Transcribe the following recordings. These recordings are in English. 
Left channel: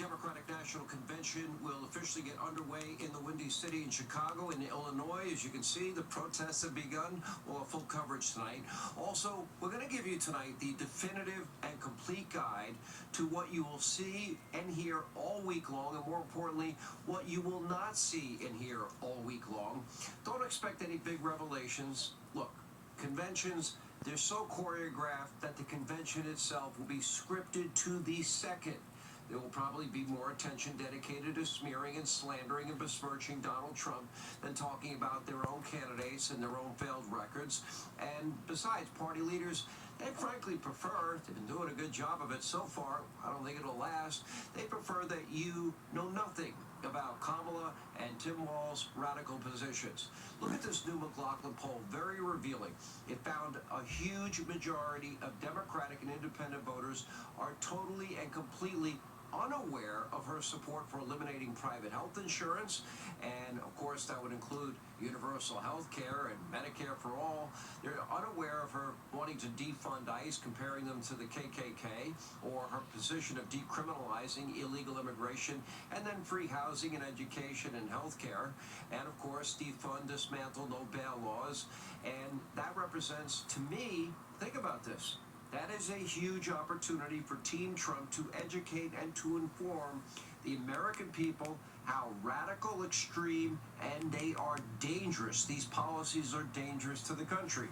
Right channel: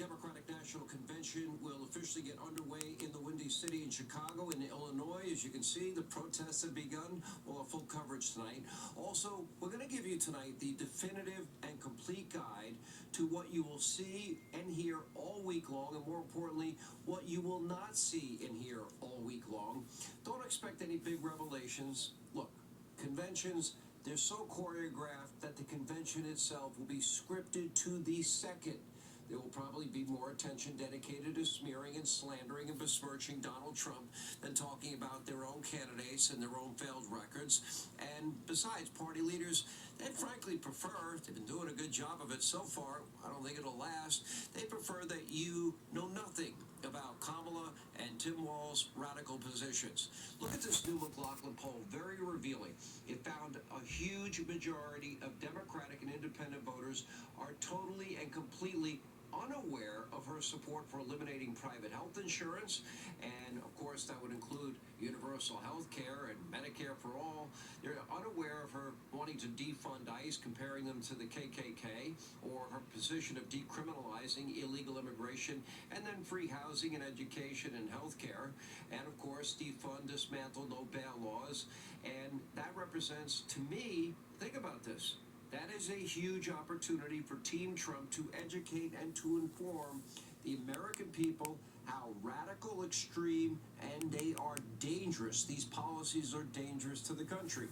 Democratic National Convention will officially get underway in the Windy City in Chicago and Illinois. As you can see, the protests have begun. We'll have full coverage tonight. Also, we're going to give you tonight the definitive and complete guide to what you will see and hear all week long, and more importantly, what you will not see and hear all week long. Don't expect any big revelations. Look, conventions, they're so choreographed that the convention itself will be scripted to the second. There will probably be more attention dedicated to smearing and slandering and besmirching Donald Trump than talking about their own candidates and their own failed records. And besides, party leaders, they frankly prefer, they've been doing a good job of it so far, I don't think it'll last, they prefer that you know nothing about Kamala and Tim Walz's radical positions. Look at this new McLaughlin poll, very revealing. It found a huge majority of Democratic and independent voters are totally and completely unaware of her support for eliminating private health insurance, and of course that would include universal health care and Medicare for all. They're unaware of her wanting to defund ICE, comparing them to the KKK, or her position of decriminalizing illegal immigration, and then free housing and education and health care, and of course defund, dismantle, no bail laws. And that represents, to me, think about this, that is a huge opportunity for Team Trump to educate and to inform the American people how radical, extreme, and they are dangerous. These policies are dangerous to the country.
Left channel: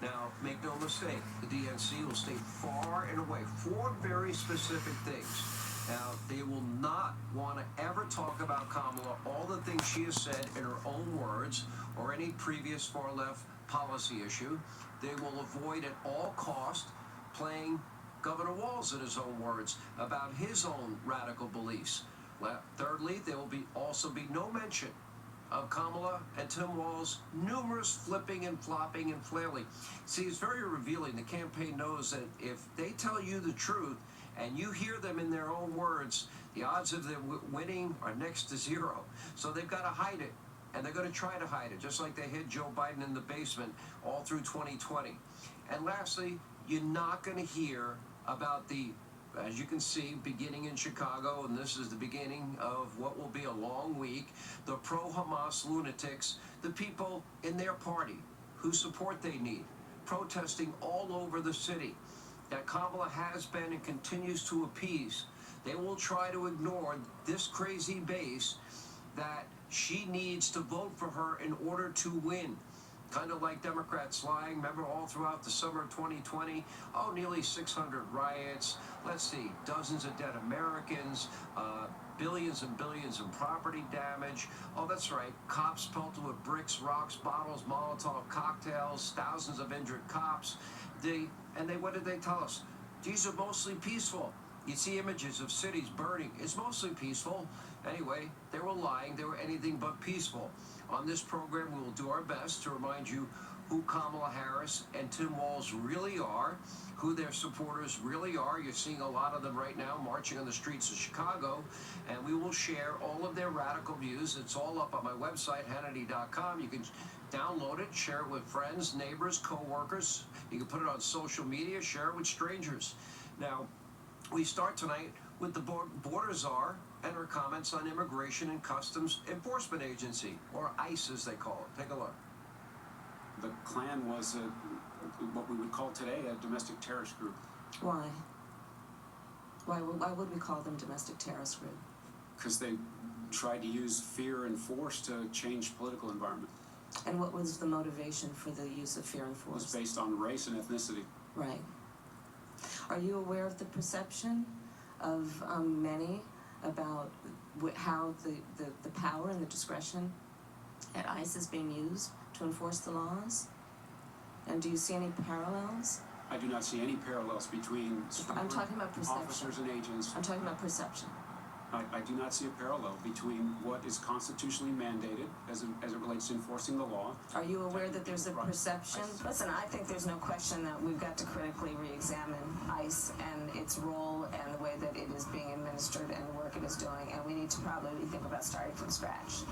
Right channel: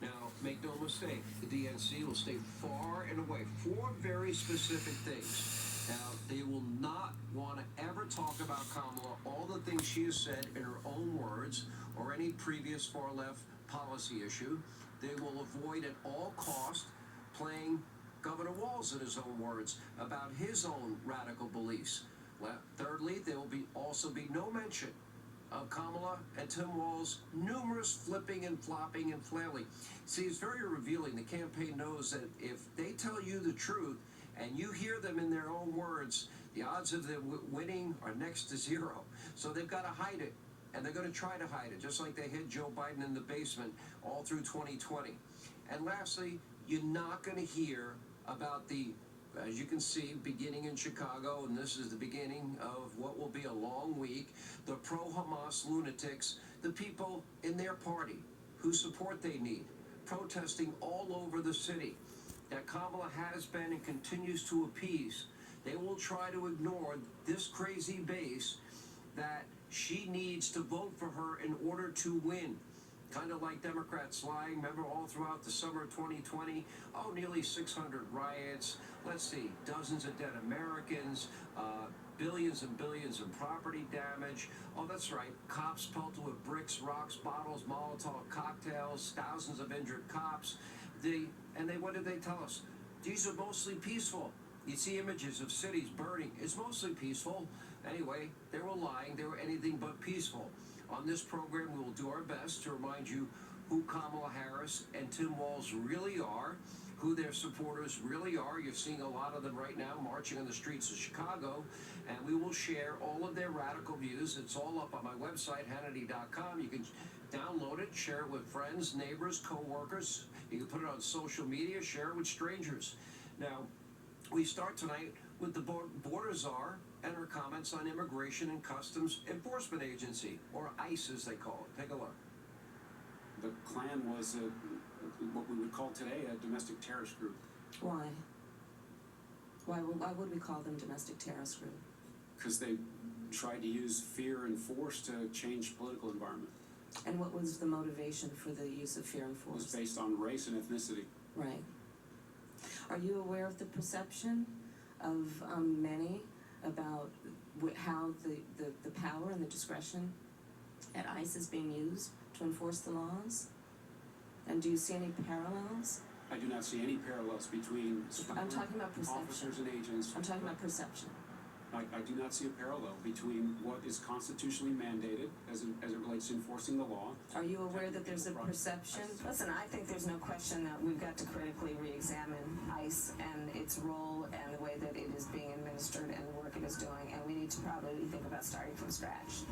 Now, make no mistake, the DNC will stay far and away. 4 very specific things. Now, they will not want to ever talk about Kamala, all the things she has said in her own words, or any previous far-left policy issue. They will avoid at all cost playing Governor Walz, in his own words, about his own radical beliefs. Thirdly, there will also be no mention of Kamala and Tim Walz's numerous flipping and flopping and flailing. See, it's very revealing. The campaign knows that if they tell you the truth and you hear them in their own words, the odds of them winning are next to zero. So they've got to hide it, and they're going to try to hide it, just like they hid Joe Biden in the basement all through 2020. And lastly, you're not going to hear about the, as you can see, beginning in Chicago, and this is the beginning of what will be a long week, the pro-Hamas lunatics, the people in their party whose support they need, protesting all over the city, that Kamala has been and continues to appease. They will try to ignore this crazy base that she needs to vote for her in order to win. Kind of like Democrats lying, remember, all throughout the summer of 2020, nearly 600 riots, let's see, dozens of dead Americans, billions and billions in property damage. Oh, that's right, cops pelted with bricks, rocks, bottles, Molotov cocktails, thousands of injured cops. What did they tell us? These are mostly peaceful. You see images of cities burning. It's mostly peaceful. Anyway, they were lying. They were anything but peaceful. On this program, we will do our best to remind you who Kamala Harris and Tim Walz really are, who their supporters really are. You're seeing a lot of them right now marching on the streets of Chicago, and we will share all of their radical views. It's all up on my website, Hannity.com. You can download it, share it with friends, neighbors, co-workers. You can put it on social media, share it with strangers. Now, we start tonight with the border czar and her comments on Immigration and Customs Enforcement Agency, or ICE as they call it. Take a look. The Klan was what we would call today a domestic terrorist group. Why? Why would we call them domestic terrorist group? Because they tried to use fear and force to change political environment. And what was the motivation for the use of fear and It force? was based on race and ethnicity. Right. Are you aware of the perception of many about how the power and the discretion at ICE is being used to enforce the laws? And do you see any parallels? I do not see any parallels between I'm talking about perception. officers and agents. I'm talking about perception. I do not see a parallel between what is constitutionally mandated as it relates to enforcing the law. Are you aware that there's a perception? Listen, I think there's no question that we've got to critically re-examine ICE and its role and the way that it is being administered and the work it is doing, and we need to probably think about starting from scratch.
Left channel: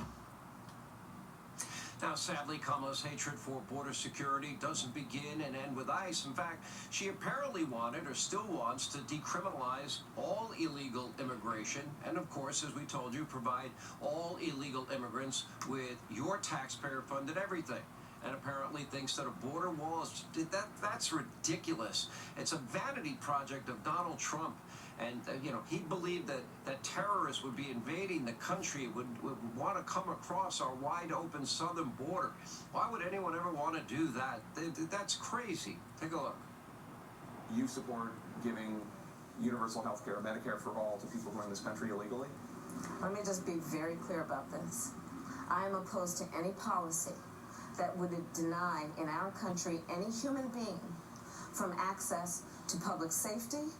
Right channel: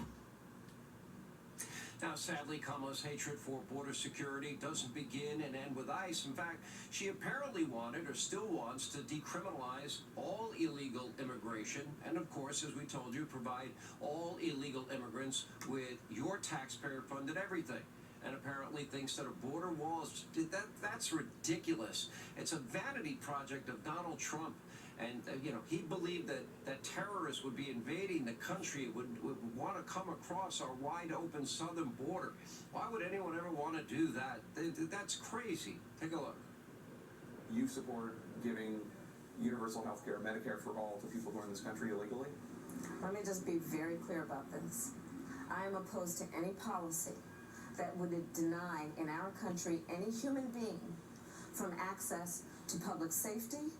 Now, sadly, Kamala's hatred for border security doesn't begin and end with ICE. In fact, she apparently wanted or still wants to decriminalize all illegal immigration and, of course, as we told you, provide all illegal immigrants with your taxpayer-funded everything. And apparently thinks that a border wall is, that's ridiculous. It's a vanity project of Donald Trump. And, he believed that terrorists would be invading the country, would want to come across our wide open southern border. Why would anyone ever want to do that? That's crazy. Take a look. You support giving universal health care, Medicare for all, to people who are in this country illegally? Let me just be very clear about this. I am opposed to any policy that would deny in our country any human being from access to public safety,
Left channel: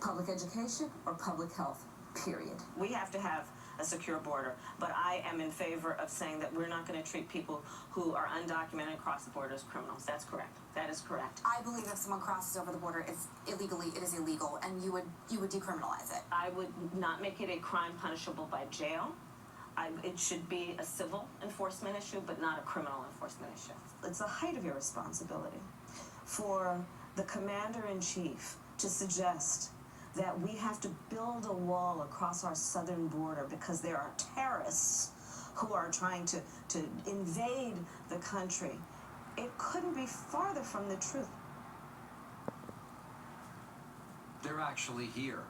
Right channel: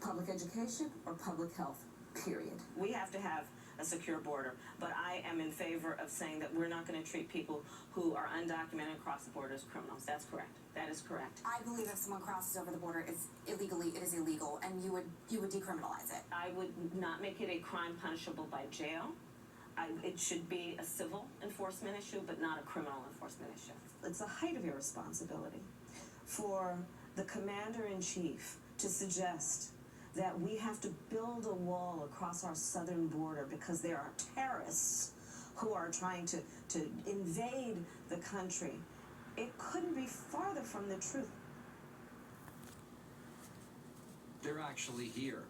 public education, or public health, period. We have to have a secure border, but I am in favor of saying that we're not going to treat people who are undocumented across the border as criminals. That's correct. That is correct. I believe if someone crosses over the border illegally, it is illegal, and you would decriminalize it. I would not make it a crime punishable by jail. It should be a civil enforcement issue, but not a criminal enforcement issue. It's the height of irresponsibility for the commander-in-chief to suggest that we have to build a wall across our southern border because there are terrorists who are trying to invade the country. It couldn't be farther from the truth. They're actually here.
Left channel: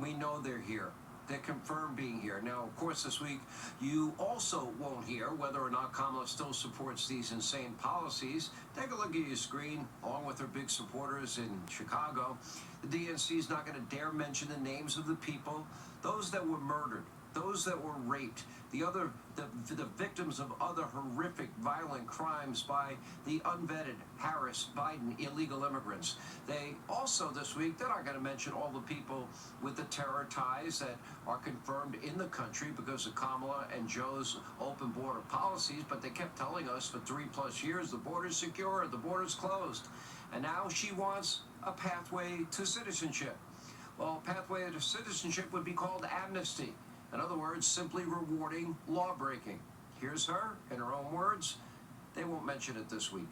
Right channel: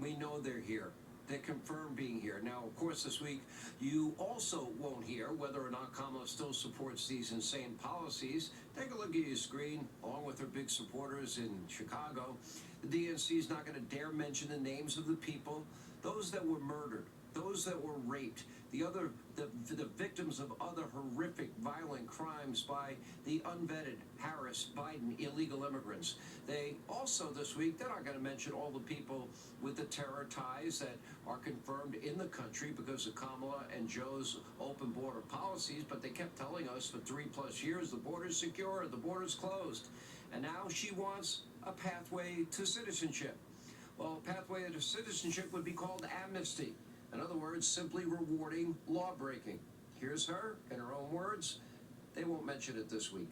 We know they're here. They're confirmed being here. Now, of course, this week, you also won't hear whether or not Kamala still supports these insane policies. Take a look at your screen, along with her big supporters in Chicago. The DNC is not going to dare mention the names of the people, those that were murdered, those that were raped, the victims of other horrific, violent crimes by the unvetted Harris, Biden, illegal immigrants. They also, this week, they're not going to mention all the people with the terror ties that are confirmed in the country because of Kamala and Joe's open border policies, but they kept telling us for 3+ years the border's secure, the border's closed. And now she wants a pathway to citizenship. Well, a pathway to citizenship would be called amnesty. In other words, simply rewarding law-breaking. Here's her, in her own words. They won't mention it this week.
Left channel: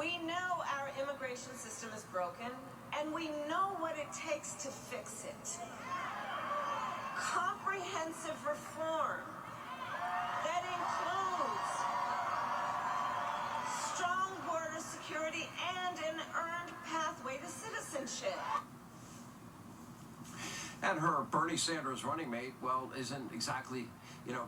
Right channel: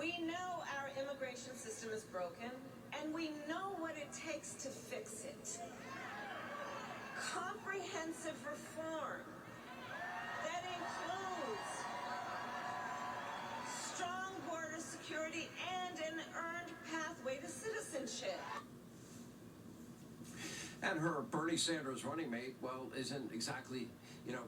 We know our immigration system is broken, and we know what it takes to fix it. Comprehensive reform that includes strong border security and an earned pathway to citizenship. And her Bernie Sanders running mate, well, isn't exactly,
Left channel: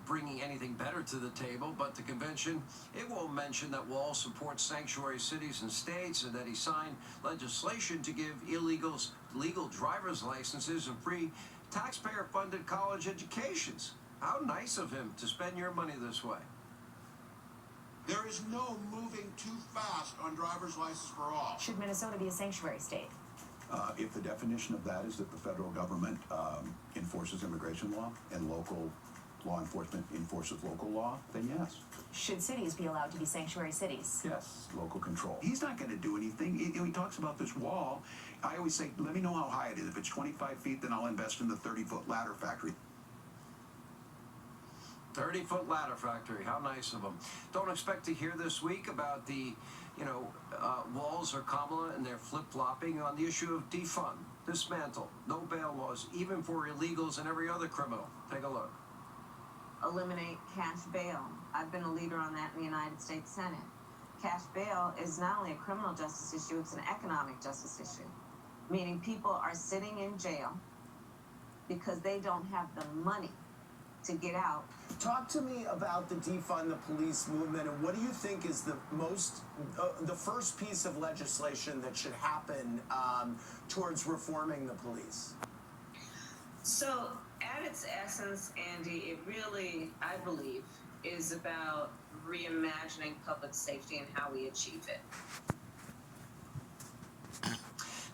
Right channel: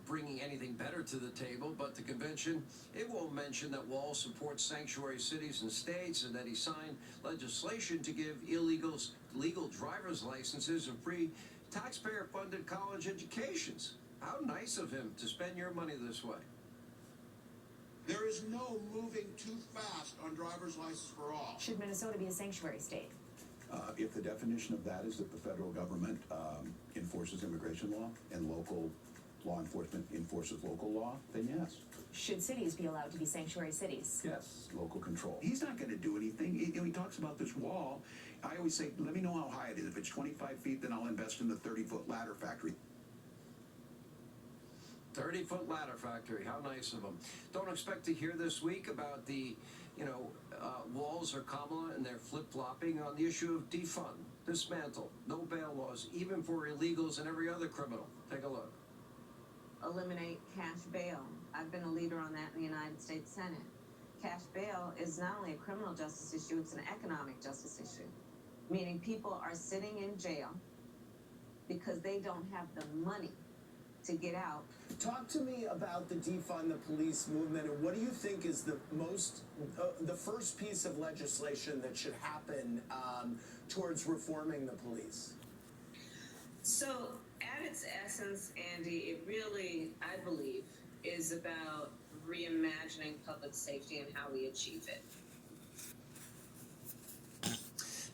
bringing anything better to the table, but the convention, it will mention that Wall supports sanctuary cities and states and that he signed legislation to give illegals legal driver's licenses and free taxpayer-funded college educations. How nice of him to spend your money this way. There is no moving too fast on driver's license for all. Should Minnesota be a sanctuary state? If the definition of that is that the federal government enforces immigration law and local law enforcement enforces local law, then yes. Should cities be allowed to be sanctuary cities? Yes, local control. He's not going to do anything. He talks about this wall. I always say, let me know how high it is. If it's 25 feet, then I'll invest in the 30-foot ladder factory. 30-foot ladder factory. How nice of them. Don't expect to hear this week about the, Walls or Kamala and their flip-flopping on the issue of defund, dismantle, no bail laws, even for illegals and every other criminal. Take a look. Eliminate cash bail. I've been a leader on that in the United States Senate. Cash bail is not only a criminal justice issue, it's an economic justice issue. Meaning people are sitting in jail because they don't have the money to get out. Talk to me about the defund the police movement, and what do you think is the first piece of legislation that should happen towards reforming the police? So, at its essence, Andy, it really, I believe, is about reimagining public safety and how we achieve it.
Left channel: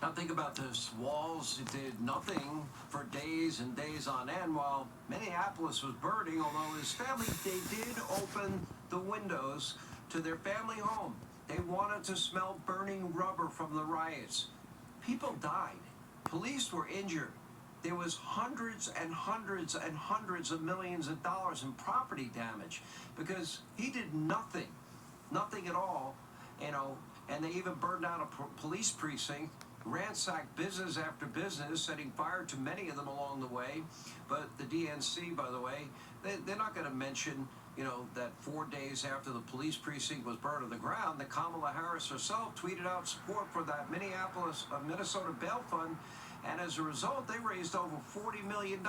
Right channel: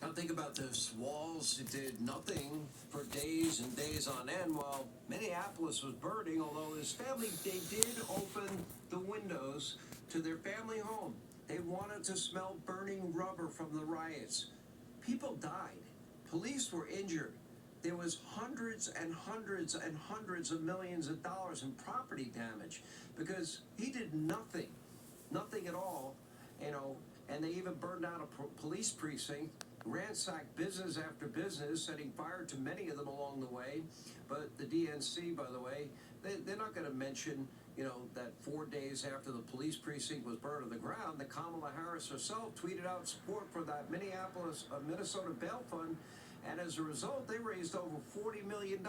Now think about this. Walls did nothing for days and days on end while Minneapolis was burning, although his family, they did open the windows to their family home. They wanted to smell burning rubber from the riots. People died. Police were injured. there was hundreds and hundreds and hundreds of millions of dollars in property damage because he did nothing at all, you know, and they even burned down a police precinct, ransacked business after business, setting fire to many of them along the way. But the DNC, by the way, they're not going to mention, you know, that 4 days after the police precinct was burned to the ground, that Kamala Harris herself tweeted out support for that Minnesota bail fund. And as a result, they raised over $40 million.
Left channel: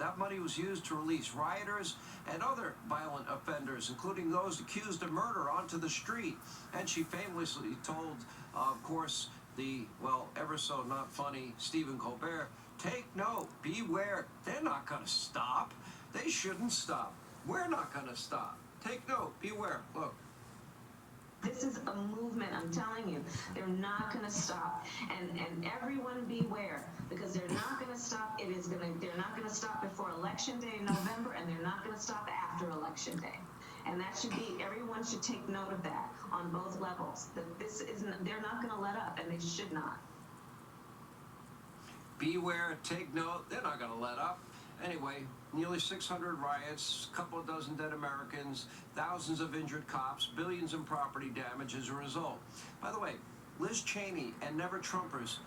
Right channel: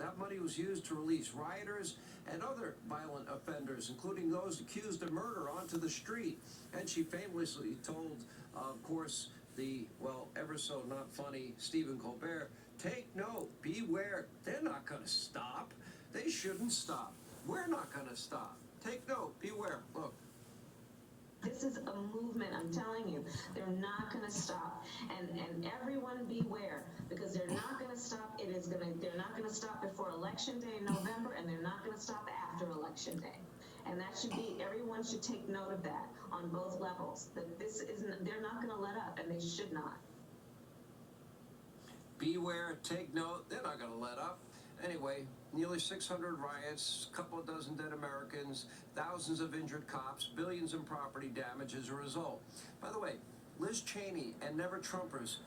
That money was used to release rioters and other violent offenders, including those accused of murder, onto the street. And she famously told, of course, the, well, ever so not funny Stephen Colbert, take note, beware, they're not going to stop. They shouldn't stop. We're not going to stop. Take note, beware. Look. This is a movement, I'm telling you. They're not going to stop. And everyone beware, because they're not going to stop. They're not going to stop before Election Day in November, and they're not going to stop after Election Day. And that should be, everyone should take note of that on both levels. That this isn't, they're not going to let up, and they should not. Beware, take note, they're not going to let up. Anyway, nearly 600 riots, a couple of dozen dead Americans, thousands of injured cops, billions in property damage as a result. By the way, Liz Cheney and Never Trumpers,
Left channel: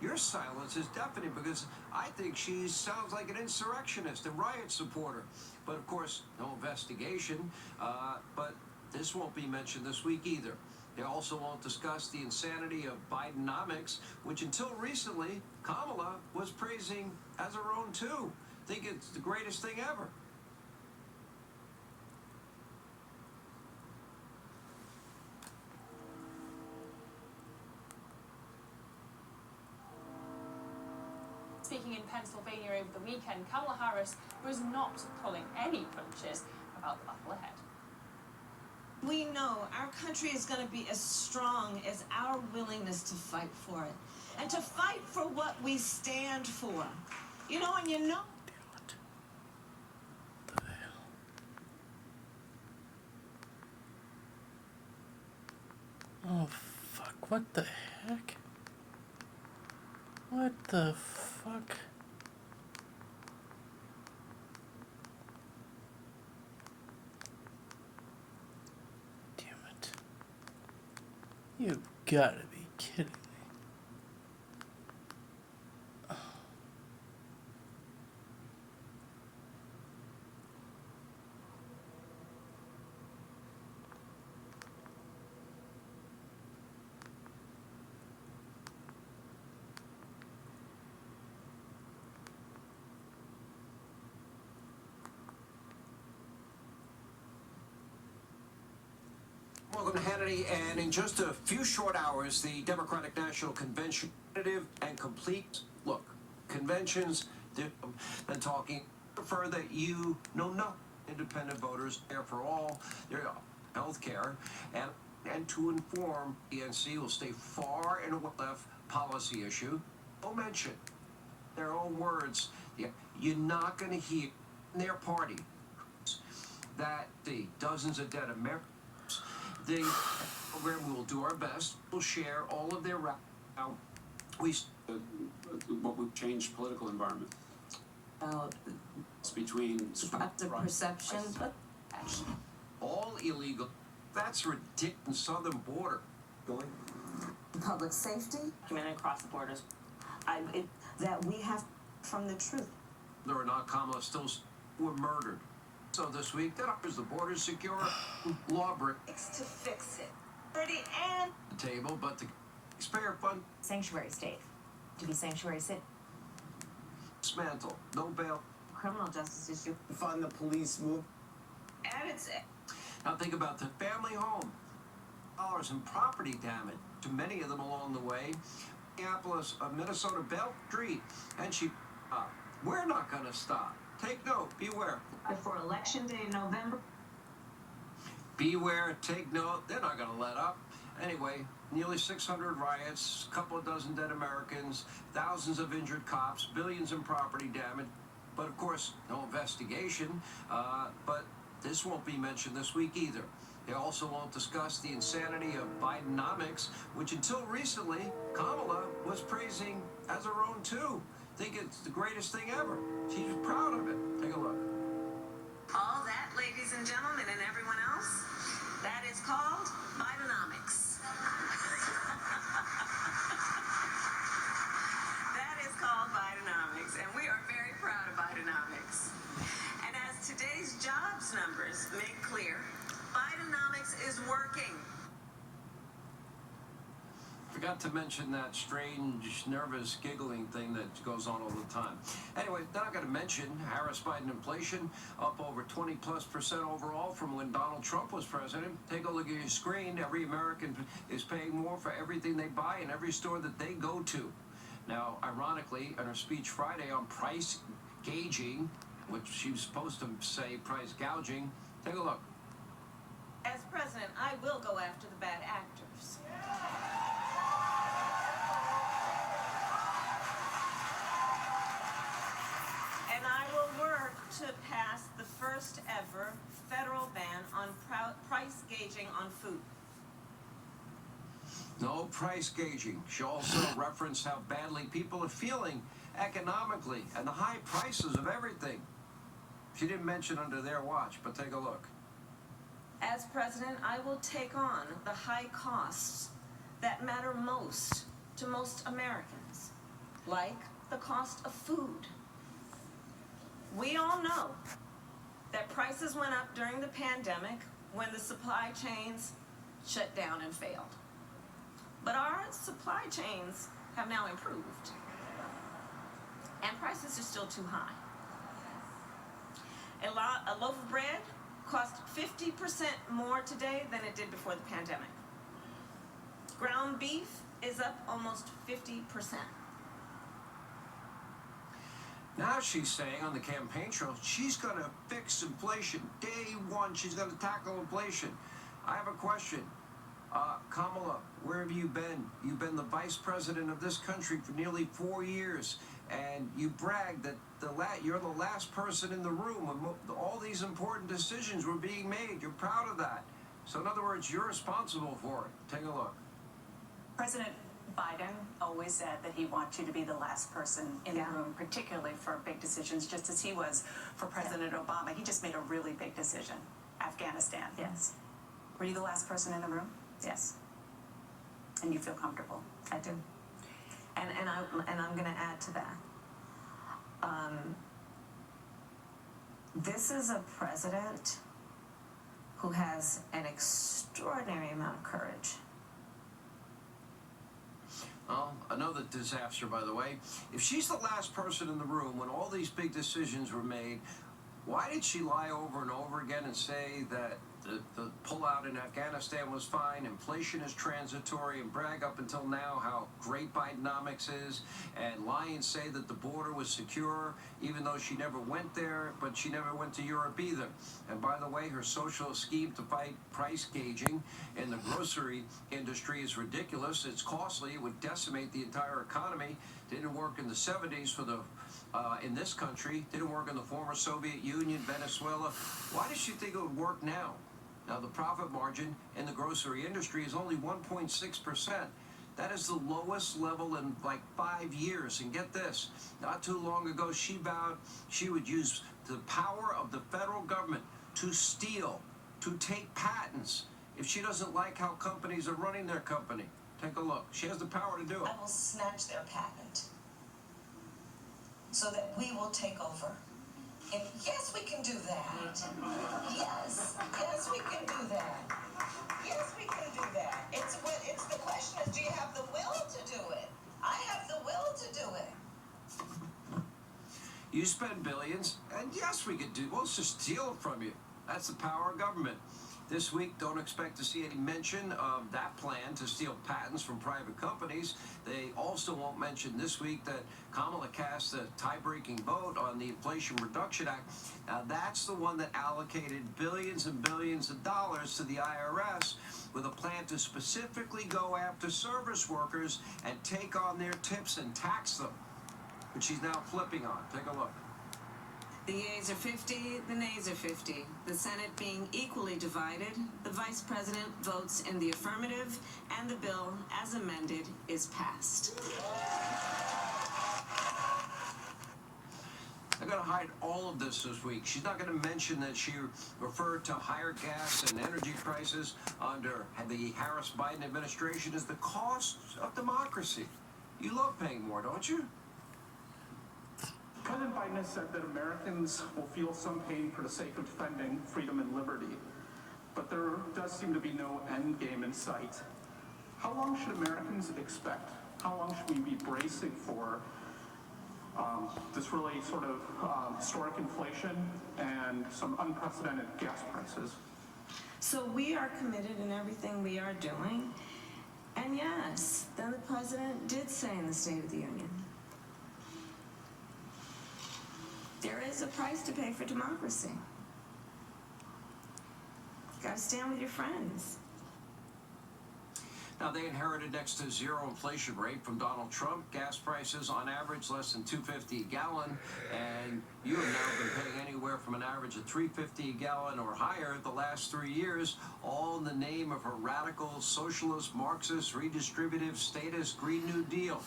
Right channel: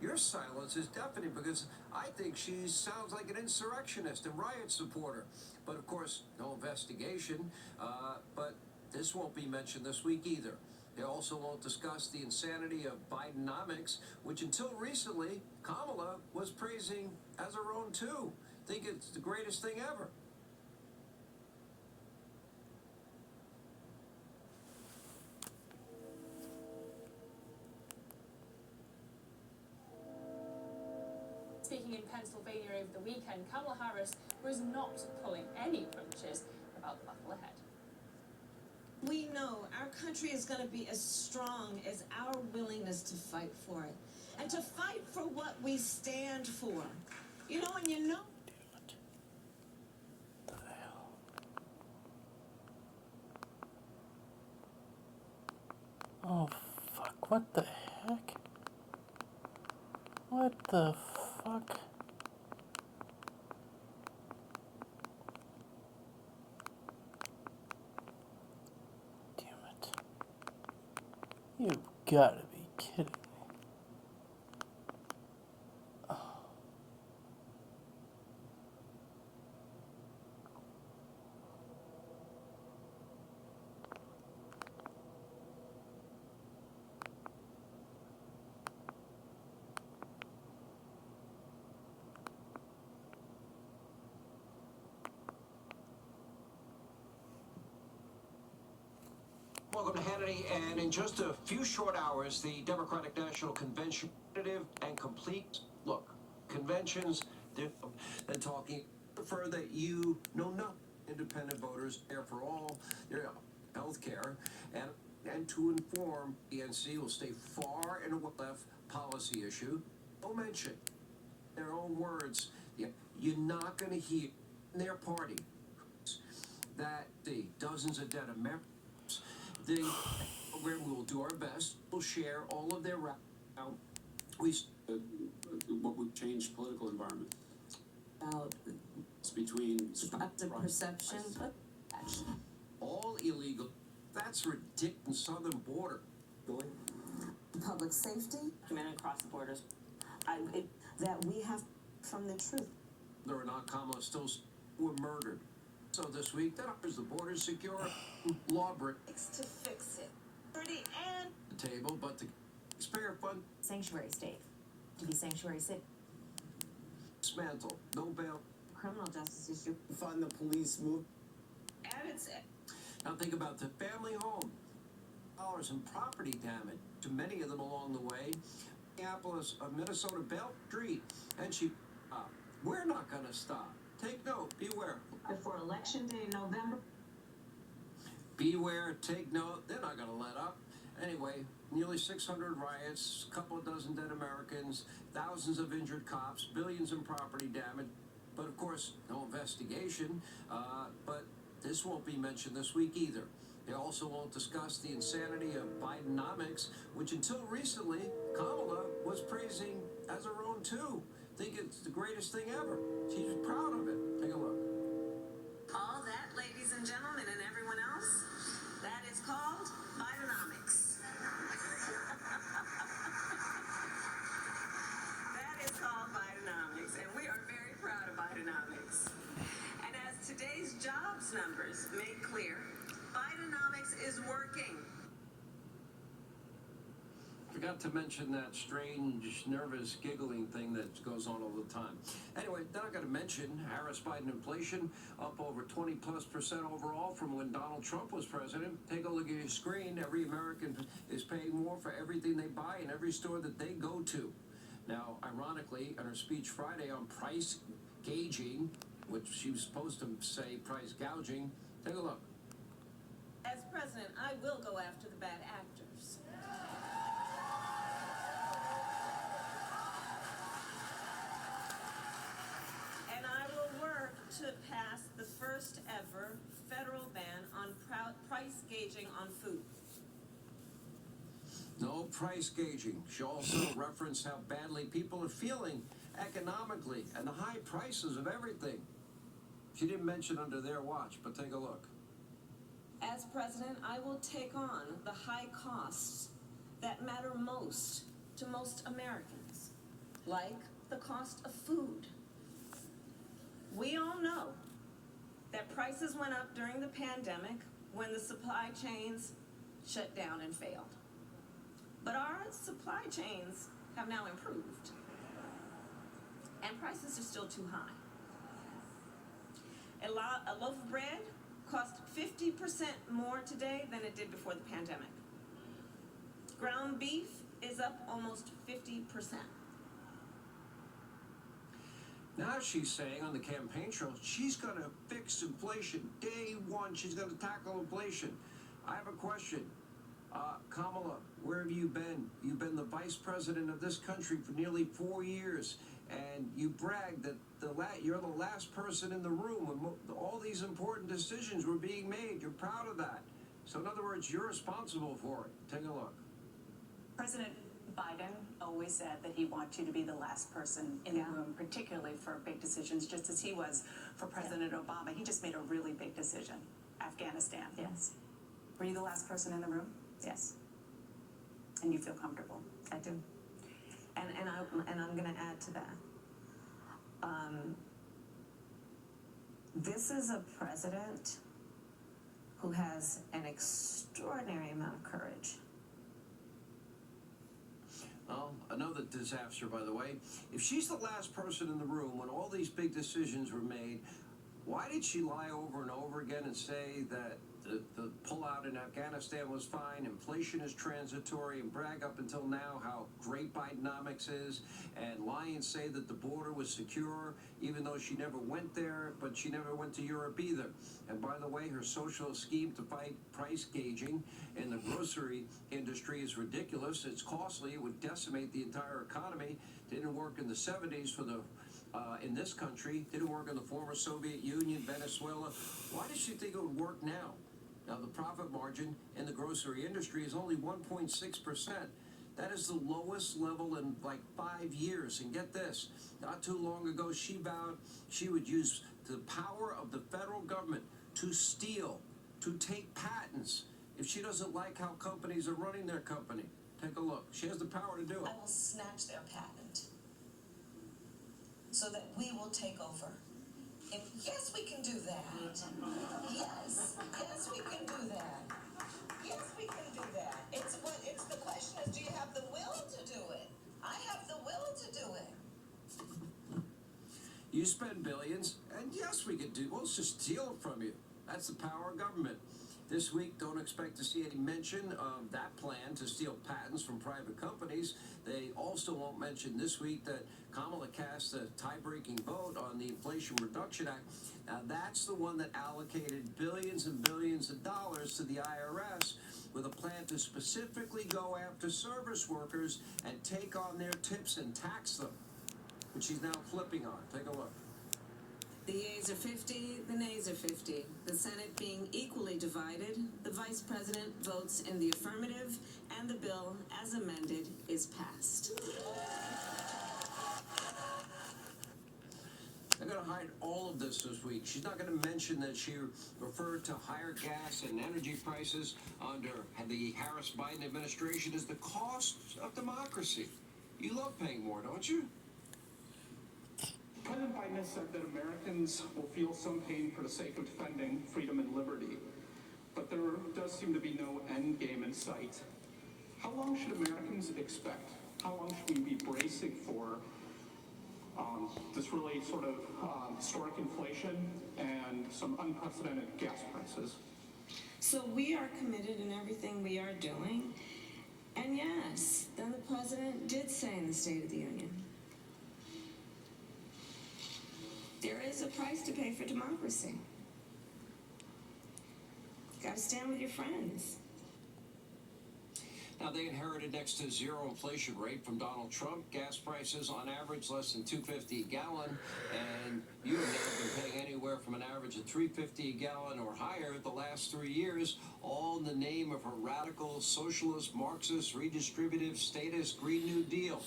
your silence is deafening because I think she sounds like an insurrectionist, a riot supporter. But of course, no investigation. But this won't be mentioned this week either. They also won't discuss the insanity of Bidenomics, which until recently, Kamala was praising as her own too. Think it's the greatest thing ever. Speaking in Pennsylvania over the weekend, Kamala Harris was not pulling any punches about the battle ahead. We know our country is going to be as strong as our willingness to fight for it. And to fight for what we stand for. You know, and you know. Oh, fuck. What the heck? What the fuck? Damn it. You gotta be kidding me. Welcome to Hannity, and in just a few short hours, the Democratic National Convention, and complete, look, conventions, than talking, prefer that you know no independent voters, there for all, their health care, and to inform the NC will stay far in a left policy issue. No mention, their own words, you're not going to hear in their party that the dozens of dead Americans. The program, we will do our best. We'll share all of their what would change political environment About between the perception, but action. all illegal. That's ridiculous. Southern border. Public safety. Community across the borders. That we have from the truth. Whether or not Kamala still were murdered. So this week, that offers the border secure lawbreak To fix it. For the end. the table, but the taxpayer fund Sanctuary state. To be sanctuary city. dismantle. No bail. Criminal justice issue. Fund the police move. And it's Now think about the family home. Dollars in property damage to many of them along the way. Minneapolis, Minnesota Bell Street, and she. We're not going to stop. Take note. Beware. before Election Day in November. Beware. Take note. They're not going to let up. Anyway, nearly 600 riots, a couple of dozen dead Americans, thousands of injured cops, billions in property damage. But of course, no investigation. But this won't be mentioned this week either. They also won't discuss the insanity of Bidenomics, which until recently, Kamala was praising as her own too. think it's the greatest thing ever. She's proud of it. Take a look. All that, ladies and gentlemen, and everyone else, that is called Bidenomics. That is called Bidenomics, and we are very proud of Bidenomics. And as today's jobs numbers make clear, Bidenomics is working. Forgot to mention that strange, nervous, giggling thing that goes on all the time. Anyway, then I got to mention Harris-Biden inflation up over 20+% overall from when Donald Trump was president. Take a look at your screen. Every American is paying more for everything they buy in every store that they go to. Now, ironically, in her speech Friday on price gauging, which she was supposed to say price gouging, take a look. As president, I will go after the bad actors. And I will work to pass the first ever federal ban on price gauging on food. No price gauging. She also referenced how badly people are feeling economically and the high prices of everything. She didn't mention under their watch, but take a look. As president, I will take on the high costs that matter most to most Americans, like the cost of food. We all know that prices went up during the pandemic when the supply chains shut down and failed. But our supply chains have now improved, and prices are still too high. A loaf of bread costs 50% more today than it did before the pandemic. Ground beef is up almost 50%. Now she's saying on the campaign trail, she's going to fix inflation. Day one, she's going to tackle inflation. I have a question. Kamala, where have you been? You've been the vice president of this country for nearly 4 years, and you bragged that you're the last person in the room when all these important decisions were being made. You're proud of that. So in other words, you're responsible for it. Take a look. President Biden always said that he wants you to be the last person in the room, particularly for big decisions, just as he was for President Obama. He just made a really big decision. Afghanistan. Yes. Were you the last person in the room? Yes. And you feel comfortable? I do. And I'm going to add to that. This is a president who has an extraordinary amount of courage. Well, another disaster, by the way. If she's the last person in the room when all these big decisions were made, why did she lie over and over again and say that the pullout in Afghanistan was fine, inflation is transitory, and brag up until now how great Bidenomics is, and lie and say that the border was secure, even though she never went there, but she never went to Europe either. And by the way, her social scheme to fight price gauging in the grocery industry is ridiculous. It's costly. It would decimate the entire economy. Didn't work in the 70s for the in this country. Didn't work in the former Soviet Union, Venezuela. Why does she think it would work now? Now, the profit margin in the grocery industry is only 1.6%. That is the lowest level in like 5 years. And get this, not too long ago, she vowed she would use the power of the federal government to steal, to take patents, if she doesn't like how companies are running their company. Take a look. She has the power to do it. I will snatch their patent so that we will take over. And yes, we can do that. Yes, we can do that. Yes, we can do that. It's the question is, do you have the will to do it? I have the will to do it. You spend billions, and yes, we could do. We'll just steal it from you. That's the power of government. This week, don't expect to see any mention of that plan to steal patents from private companies. They also won't mention this week that Kamala cast a tie-breaking vote on the Inflation Reduction Act. Now, that's the one that allocated billions and billions of dollars to the IRS with a plan to specifically go after service workers and take on their tips and tax them, which she's now flipping on. Take a look. The yeas are 50, the nays are 50. The Senate being equally divided, the Vice President votes in the affirmative, and the bill, as amended, is passed. They're going to hide all of this week. She's not going to mention that she referred to higher gas and energy prices under the Harris-Biden administration as the cost of democracy. You love paying more, don't you? President Biden has said that Americans will feel some pain for the sake of defending freedom and liberty, but there does seem to be no end game in sight. How long should Americans expect? How long should we be bracing for this really sort of historic inflation and some unprecedented gas prices? So we are committed in everything we are doing. And yes, then the president did say in the State of the Union, there is a price to pay for democracy. Gotta stand with your friends. Now, they inherited next to zero inflation rate from Donald Trump. Gas prices on average less than $2.50 a gallon, and you have now been paying anywhere from an average of $3.50 a gallon or higher the last 3 years, all in the name of her radical, socialist, Marxist, redistributive, statist Green New Deal.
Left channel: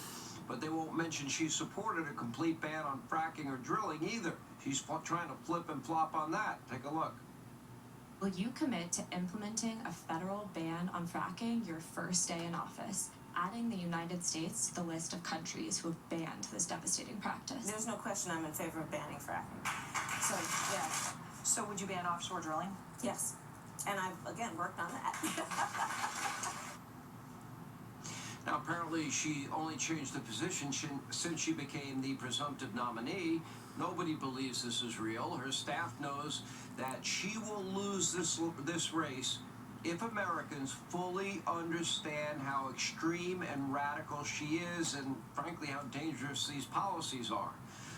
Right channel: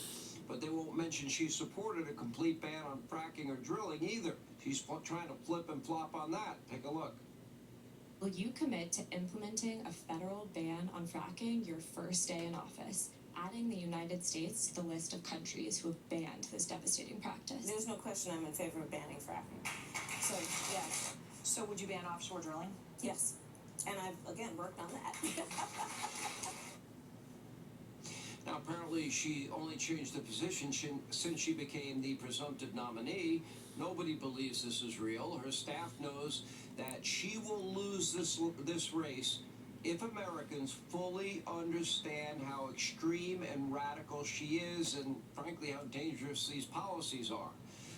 But they won't mention she supported a complete ban on fracking or drilling either. She's trying to flip and flop on that. Take a look. Will you commit to implementing a federal ban on fracking your first day in office, adding the United States to the list of countries who have banned this devastating practice? There's no question I'm in favor of banning fracking. So, yeah. So would you ban offshore drilling? Yes. And I've, again, worked on that. Now, apparently, she only changed the position since she became the presumptive nominee. Nobody believes this is real. Her staff knows that she will lose this race if Americans fully understand how extreme and radical she is and, frankly, how dangerous these policies are.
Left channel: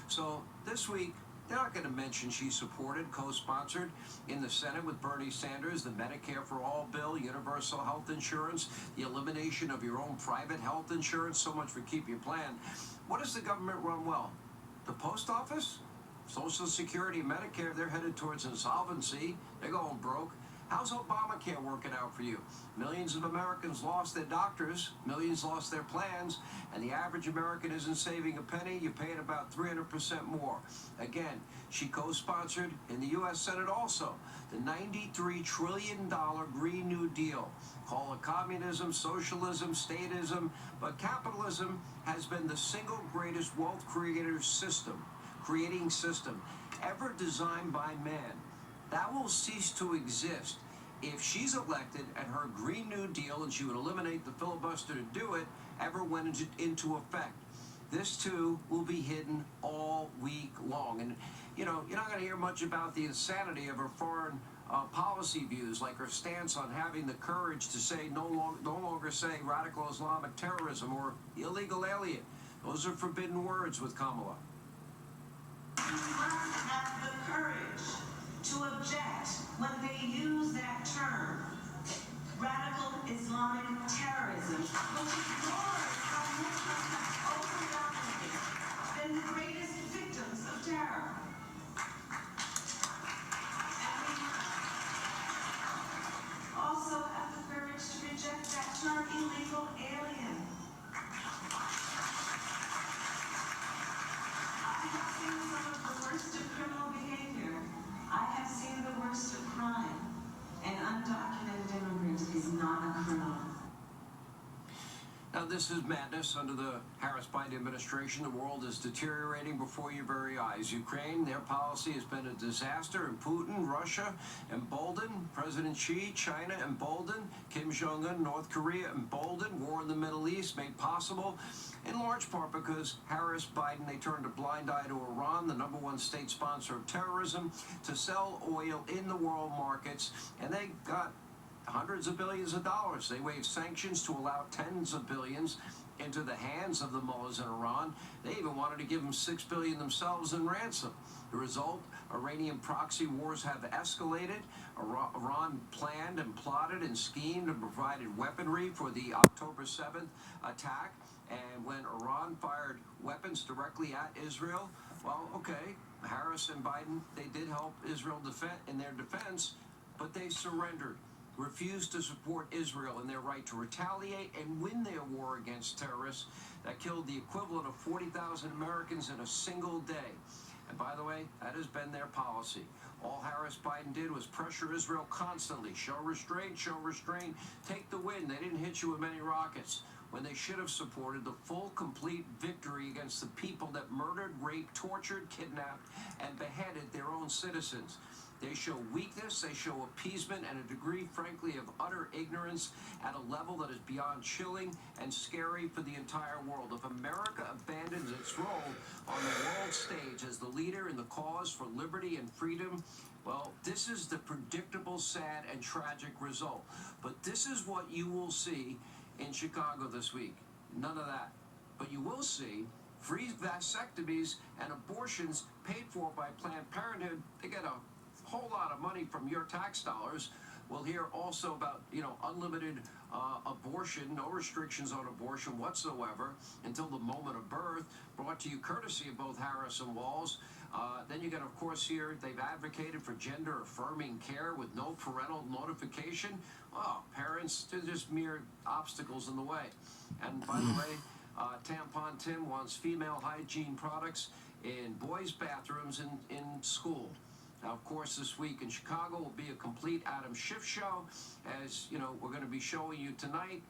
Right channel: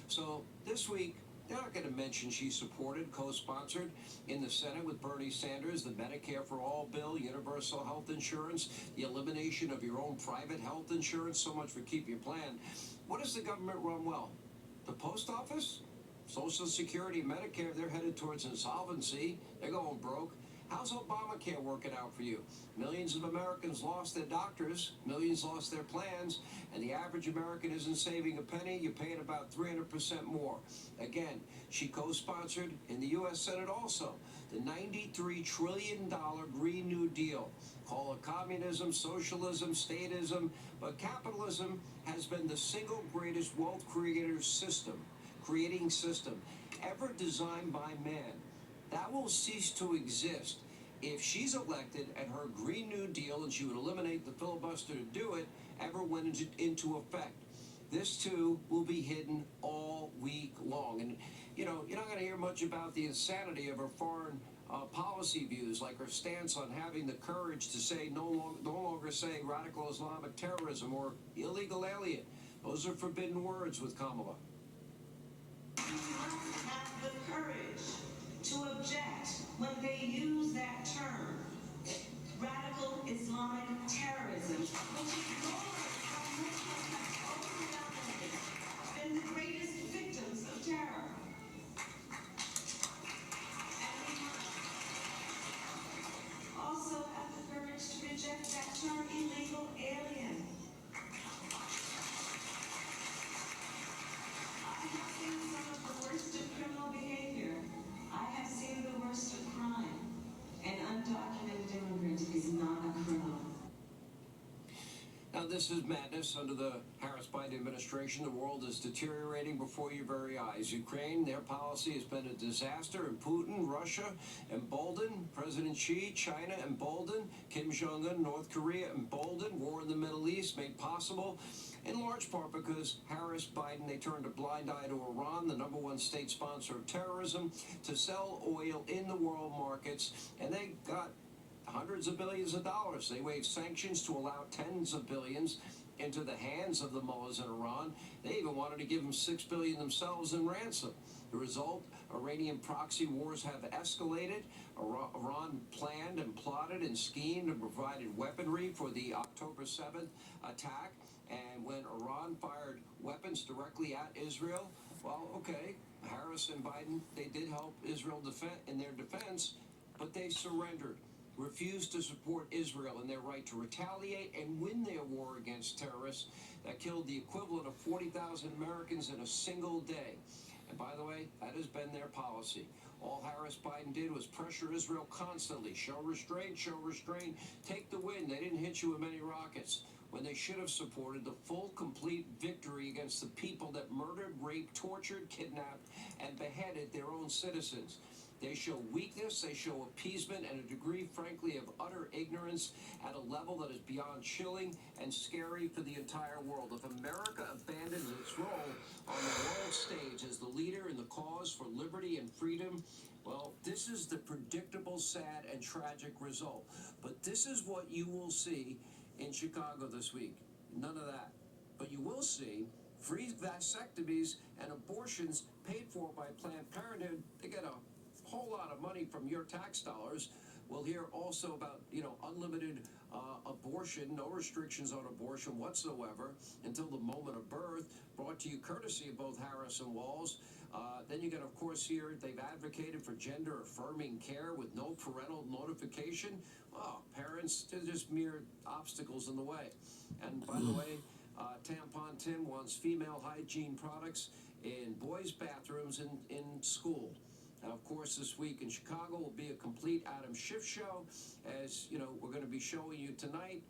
So this week, they're not going to mention she supported, co-sponsored in the Senate with Bernie Sanders, the Medicare for All bill, universal health insurance, the elimination of your own private health insurance. So much for Keep Your Plan. What does the government run well? The post office? Social Security, Medicare, they're headed towards insolvency. They're going broke. How's Obamacare working out for you? Millions of Americans lost their doctors, millions lost their plans, and the average American isn't saving a penny. You're paying about 300% more. Again, she co-sponsored in the U.S. Senate also the $93 trillion Green New Deal. Call it communism, socialism, statism, but capitalism has been the single greatest wealth creating system ever designed by man. That will cease to exist if she's elected and her Green New Deal, and she would eliminate the filibuster to do it, ever went into effect. This, too, will be hidden all week long. And, you know, you're not going to hear much about the insanity of her foreign policy views, like her stance on having the courage to say no longer say radical Islamic terrorism or illegal alien. Those are forbidden words with Kamala. You must have the courage to object when they use that term, radical Islamic terrorism, which ignores how Muslims have overwhelmingly been the greatest victims of terror. And we also have the courage to reject that term, illegal alien. I have seen some of the worst of criminal behavior. I have seen the worst of crime. An undocumented immigrant is not a criminal. Now, this is madness under the Harris-Biden administration. The world is deteriorating before your very eyes. Ukraine, their policy has been a disaster, and Putin, Russia, emboldened. President Xi, China, emboldened. Kim Jong-un, North Korea, emboldened. War in the Middle East made possible in large part because Harris-Biden, they turned a blind eye to Iran, the #1 state sponsor of terrorism, to sell oil in the world markets, and they got hundreds of billions of dollars. They waived sanctions to allow tens of billions into the hands of the mullahs in Iran. They even wanted to give them $6 billion themselves in ransom. The result, Iranian proxy wars have escalated. Iran planned and plotted and schemed and provided weaponry for the October 7th attack. And when Iran fired weapons directly at Israel, well, okay, Harris and Biden, they did help Israel in their defense, but they surrendered, refused to support Israel in their right to retaliate and win their war against terrorists that killed the equivalent of 40,000 Americans in a single day. And by the way, that has been their policy. All Harris-Biden did was pressure Israel constantly. Show restraint, show restraint. Take the win. They didn't hit you with many rockets, when they should have supported the full, complete victory against the people that murdered, raped, tortured, kidnapped, and beheaded their own citizens. They show weakness, they show appeasement, and a degree, frankly, of utter ignorance at a level that is beyond chilling and scary for the entire world. If America abandons its role on the world stage as the leader in the cause for liberty and freedom, well, this is the predictable, sad, and tragic result. But this is what you will see in Chicago this week. None of that. But you will see free vasectomies and abortions paid for by Planned Parenthood. They get a whole lot of money from your tax dollars. We'll hear also about, unlimited abortion, no restrictions on abortion whatsoever until the moment of birth, brought to you courtesy of both Harris and Walz. Then you got, of course, here, they've advocated for gender-affirming care with no parental notification. Oh, parents, they're just mere obstacles in the way. And by the way, Tampon Tim wants female hygiene products in boys' bathrooms in school. Now, of course, this week in Chicago will be a complete Adam Schiff show, as, we're going to be showing you tonight.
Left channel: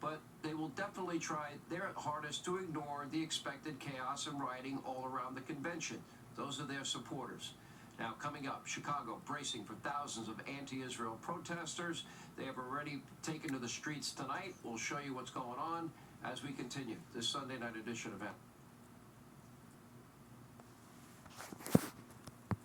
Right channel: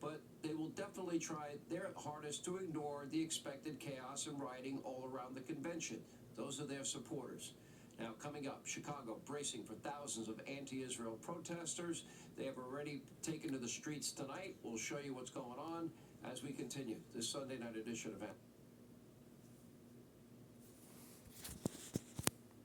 But they will definitely try their hardest to ignore the expected chaos and rioting all around the convention. Those are their supporters. Now, coming up, Chicago bracing for thousands of anti-Israel protesters. They have already taken to the streets tonight. We'll show you what's going on as we continue this Sunday night edition event.